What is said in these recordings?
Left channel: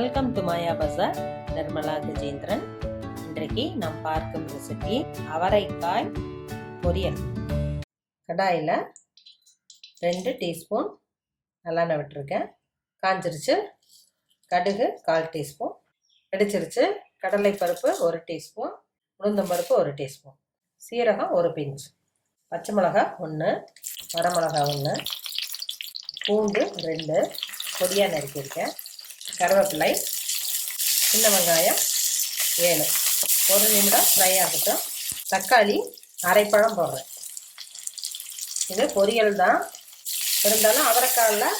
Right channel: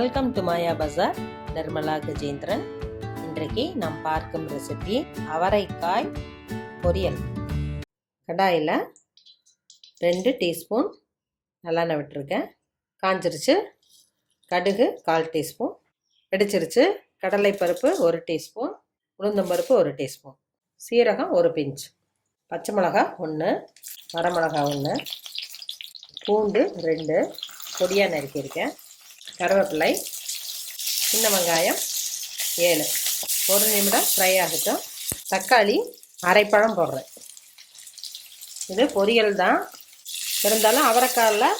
Welcome to மாயா பஜார். நிர்மலா கஜேந்திரன். இன்றைக்கு நாம் பார்க்கும் ரெசிபி அவரைக்காய் பொரியல். கடாயில் 2 டீஸ்பூன் நல்லெண்ணெய் விட்டுருக்கேன். காஞ்சிருச்சு. கடுகு 1/4 டீஸ்பூன் வெடிச்சிருச்சு. கடலைப்பருப்பு 1 டீஸ்பூன், உளுந்தம்பருப்பு 1 டீஸ்பூன், சீரகம் 1 பிஞ்ச், பச்சை மிளகா 1, வரமிளகா 1, பூண்டு 2 பொடியாக நறுக்கியிருக்கேன், கருவேப்பிலை, சின்ன வெங்காயம் 7. 1 நிமிடம் ஃப்ரை ஆகட்டும். தக்காளி அரைப்பழம் போடுறேன். இது பொரியல் தான், இருந்தாலும் அவரைக்காயில்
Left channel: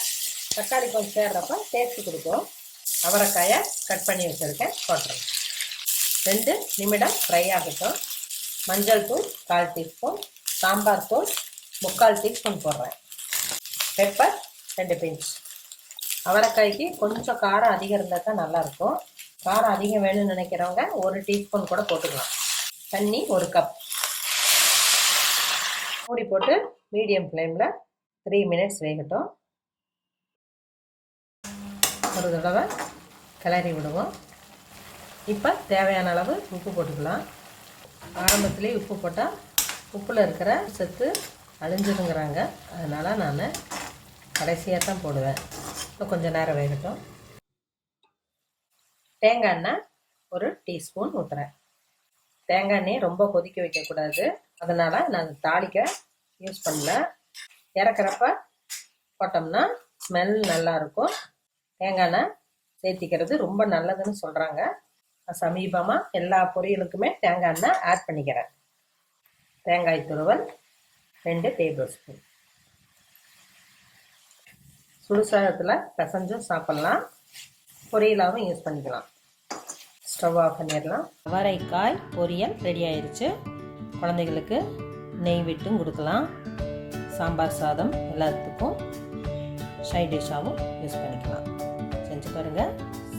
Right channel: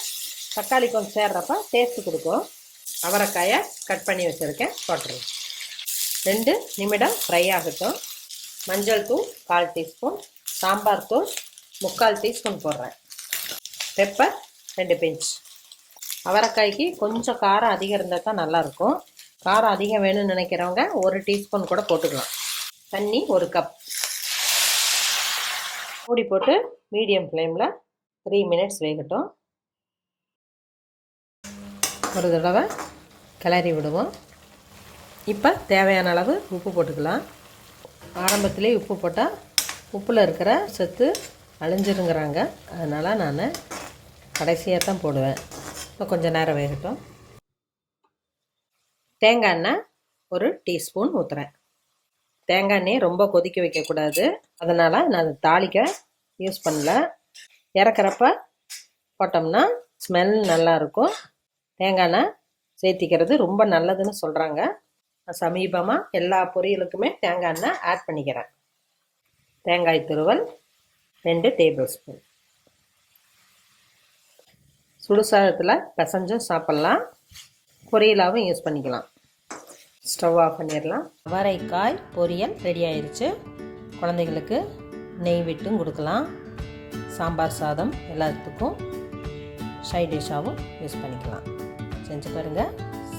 தக்காளி கொஞ்சம் சேர்றப்ப டேஸ்ட்டு கொடுக்கும். அவரைக்காயை கட் பண்ணி வச்சுருக்கேன், போட்டுருவேன். 2 நிமிடம் ஃப்ரை ஆகட்டும். மஞ்சள் தூள் 1/4 டீஸ்பூன், சாம்பார் தூள் 3/4 டீஸ்பூன் போடுறேன். Pepper 2 pinch. அவரைக்காய்க்கு கொஞ்சம் காரம் அதிகம் இருந்தால் தான் நல்லாயிருக்கும். காரம் அதிகம் வேணும்னு நினைக்கிறவங்க 1 டீஸ்பூன் கூட போட்டுக்கலாம். தண்ணி 1 கப். மூடி போட்டு மீடியம் ஃப்ளேமில் 3 மினிட்ஸ் வேகட்டும். ஒரு தடவை கிளறி விடுவோம். இப்போ தேவையான அளவு உப்பு போட்டுக்கலாம். ஆரம்பத்திலே உப்பு போட்டால் உப்பில் இருக்கிற சத்து அழிஞ்சிருங்கிறாங்க, அதனால் நான் கடைசியாக தான் போடுவேன். இப்போ கொஞ்சம் நேரம் வேகட்டும். தேங்காய் எண்ணெய் 1 டீஸ்பூன் ஊற்றுறேன். தேங்காய் எண்ணெய் ரொம்ப கொதிக்க வைக்கக்கூடாது, அதனால் நான் தாளிக்க யூஸ் பண்ணல. இறக்குறப்ப போட்டோம்னா ஸ்மெல் நல்லாயிருக்கும். தேங்காய் எண்ணெய் சேர்த்திக்கிறது ரொம்ப நல்லதுன்னு சொல்கிறாங்க. நான் சமீபமாக எல்லா பொரியலுக்குமே தேங்காய் எண்ணெய் ஆட் பண்ணிக்கிறேன். தேங்காய் துருவல் 2 டேபிள் ஸ்பூன். சுடுசாதத்தில் பிசைஞ்சும் சாப்பிட்லாம், பொரியலாகவும் யூஸ் பண்ணிக்கலாம். ஸ்டவ் ஆஃப் பண்ணிடலாம். அவரைக்காய் பொரியல் ரெடி ஆயிடுச்சு. குழந்தைகளுக்கு நெய் விட்டும் கொடுக்கலாம். சாம்பார் சாதம் எல்லாத்துக்கும் சைட் டிஷ்ஷாகவும் யூஸ் பண்ணிக்கலாம். செஞ்சு பாருங்கள்,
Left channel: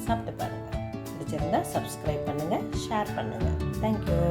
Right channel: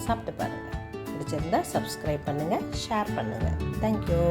சாப்பிட்டு பாருங்கள். பிடிச்சிருந்தா சப்ஸ்கிரைப் பண்ணுங்கள், ஷேர் பண்ணுங்கள். தேங்க்யூ.